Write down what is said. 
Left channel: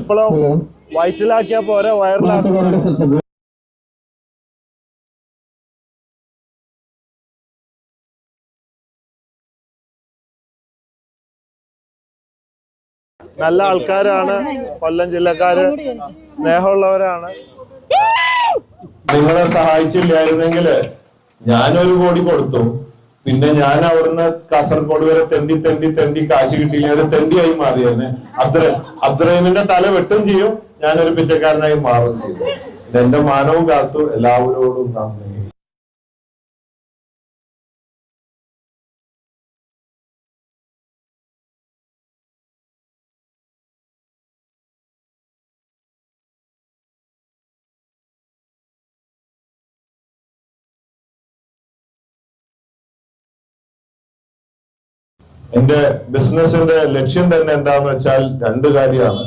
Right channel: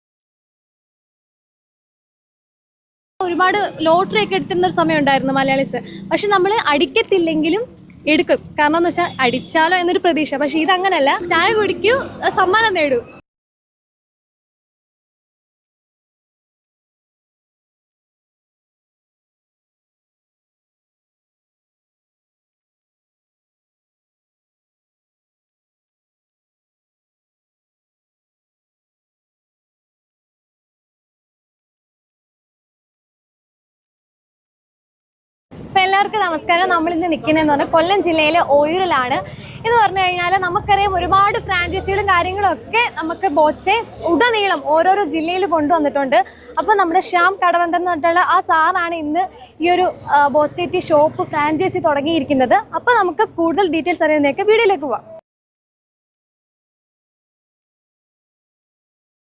എപ്പോഴും വയറ്റിലാക്കിയാ പോരാ, വയറിലാക്കുക. ഒരുപാട് ലോട്ടറി ഒക്കെ എടുത്തിരുന്ന ഒരു സമയം ഉണ്ടായിരുന്നു മലയാളീസ്. പക്ഷെ നമ്മൾ അടിക്കത്തില്ലെങ്കിലും എടുക്കും. കാരണം എന്ന് വെച്ചാൽ അടിച്ചാലോ എന്നൊരു പ്രതീക്ഷ. പക്ഷെ ഇതങ്ങനല്ല, ചായ കുടിക്കൂ, സമ്മാനം നേടൂ. നല്ല ആൾക്കാരാണ് കൊല്ലം ജില്ലക്കാര്, സ്നേഹമുള്ളവരാണ്. നിങ്ങളെ സഹായിച്ചില്ലായിരുന്നെങ്കിൽ ഞാനൊരു കോടി കൊടുത്തു, പിന്നെ ഞാൻ അവിടുന്ന് കാസർഗോഡ് വരെ തെണ്ടി കാശ് കിട്ടിയില്ല, ഒരു തെണ്ടിയായി മാറിയായിരുന്നു. അബ്ദുറഹീമിന്റെ തല വെട്ടും ചെയ്യും, ഞാനൊരു പിച്ചക്കാരനായി മാറും ചെയ്യും. എന്റെ മാനവും കാത്തു. എല്ലാവരോടും നന്ദി. അപ്പൊ എല്ലാവർക്കും നമസ്കാരം. നമ്മൾ ഇന്ന് നിൽക്കുന്നതെന്ന് പറഞ്ഞാൽ കൊല്ലം ജില്ലയിലെ ഓയൂരിലാണ്. എന്ന് പറഞ്ഞു കഴിഞ്ഞാൽ നമുക്കറിയാം, ഒരുപാട് ഫ്രാഞ്ചൈസികളും കാര്യങ്ങളും ഒക്കെ നമുക്ക് ബോച്ചെ ഉടനീളം ഓരോരോ ജില്ലയിൽ കൊണ്ടുവന്നിട്ടുണ്ട്. അപ്പോൾ നമ്മുടെ ശ്യാം കടവന്തൻ എന്ന് പറഞ്ഞിട്ടുള്ള ആ സാറാണ് ഇന്ന് ഈ ഒരു ബോച്ചേറ്റി ഷോപ്പ് ഫ്രാഞ്ചൈസി തുടങ്ങിയിരിക്കുന്നത്. അപ്പോൾ നമുക്ക് കൂടുതൽ ഡീറ്റെയിൽസ് അറിയുന്നതൊക്കെ വീഡിയോയിലേക്ക് പോവാം. എന്റെ ബിസിനസിന്റെ ലക്ഷ്യം തന്നെ എന്താന്ന് വെച്ചാൽ രണ്ട് കാര്യമാണ്.